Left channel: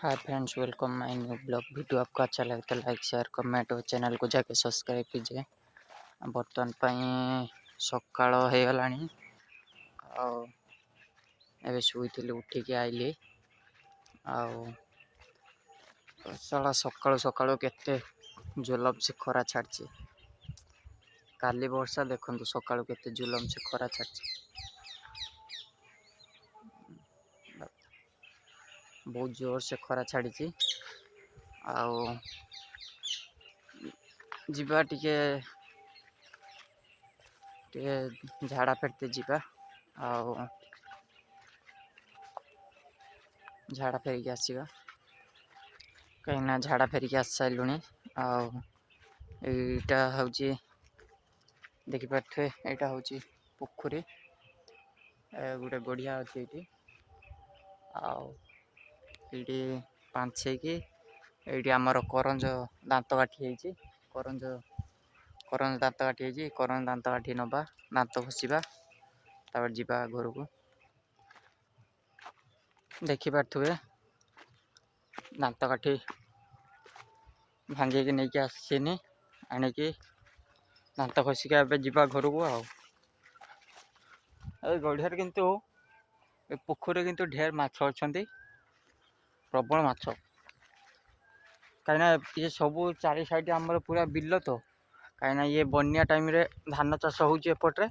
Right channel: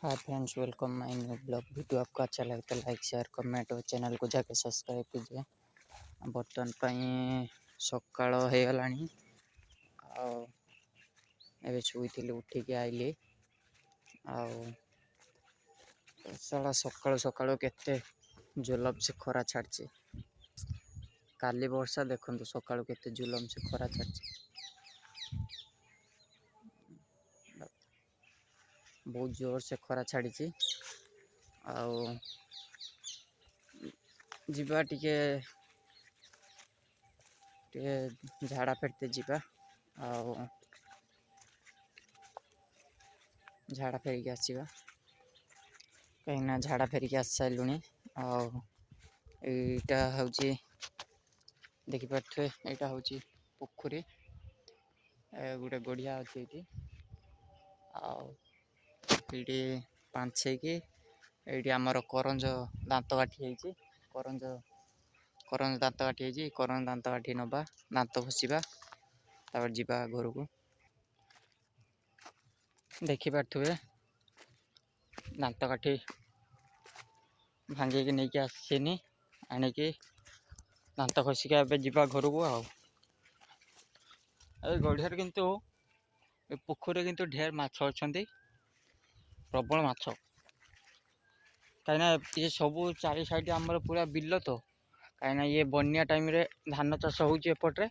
Hi friends, welcome my new blog video. आपको अच्छा लगे तो लाइक शेयर कमेंट और चैनल को जाके सब्सक्राइब कीजिए। बर्तमान पाई सकाळ हो गलानी आबे शुईली उठिकी आइली आला सकाळु सकाळु केते जुलम से खरा छाड़ी। काली वर्षा देखु सकाळु केते जुलम से खरा छाड़ी। बहुत जोर से खरा छाड़ी। जीवा टिके झाड़ा फेरते जीवा झाड़ा फेरिक आसवा कहीं झाड़ा फेरिक आस सारू। आटा हूँ देखिपे यहाँ हूँ पोखरी गोटे गड़िया अच्छे ये पांचे कि ये आमर करंज दांत काठी करंज करंज दांत काठी करंज दांत काठी नवा दांत घषा जावा घर को देखिपे दांत काठी भांगिकी नहीं आसनी आणिकी दांत घषिक जा घर को गढ़िया किंतु पोखरी किंतु ढेर माछ अच्छा प्रबल माछ कहीं सब चारि साइड आमर पूरा बिल तो कहीं ये बनिया टाइम रे धान चाष होपटे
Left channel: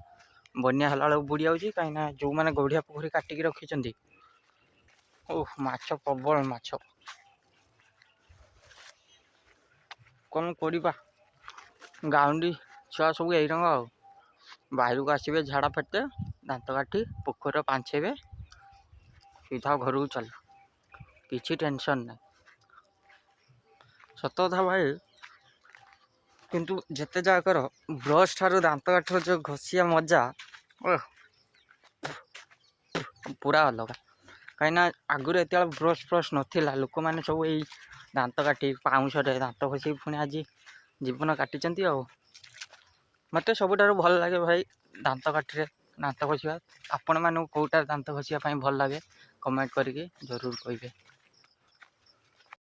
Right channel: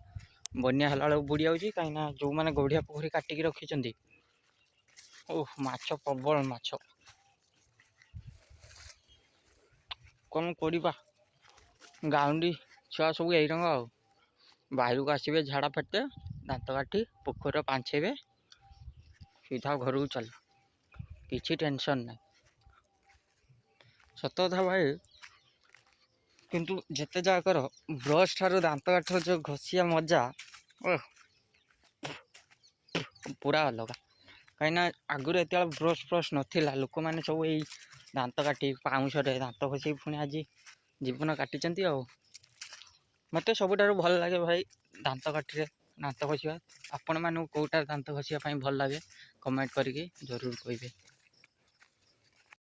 बनिया है बुड़ी जाऊँगी कहीं जो मैंने गढ़िया पोखरी काटिकी रखी ओह माछ प्रबल माछ कौन करवा गाउंडी छुआ सब यही रंग बाहर को आसवे झाड़ा फेरते दांत काठी पोखर पांचेबे सीधा घर को चल किसी टेंशन ना सत कथा भाई किंतु जिते जा कर ब्रश ठार दांत काठ जो घषिया मजा पूरा अलग कहीं आगुरी एत ब्रश फ्रश नाला लोक मैंने सब यही दांत काठी पाउंश दांत घषि पुणी आज जीवन काटी मत सबुठ भल लगे भाई दांत काठी दांत घषा आपण मानक कौटार दांत घषापी भल लगे कमेंट करके जरूर कहे।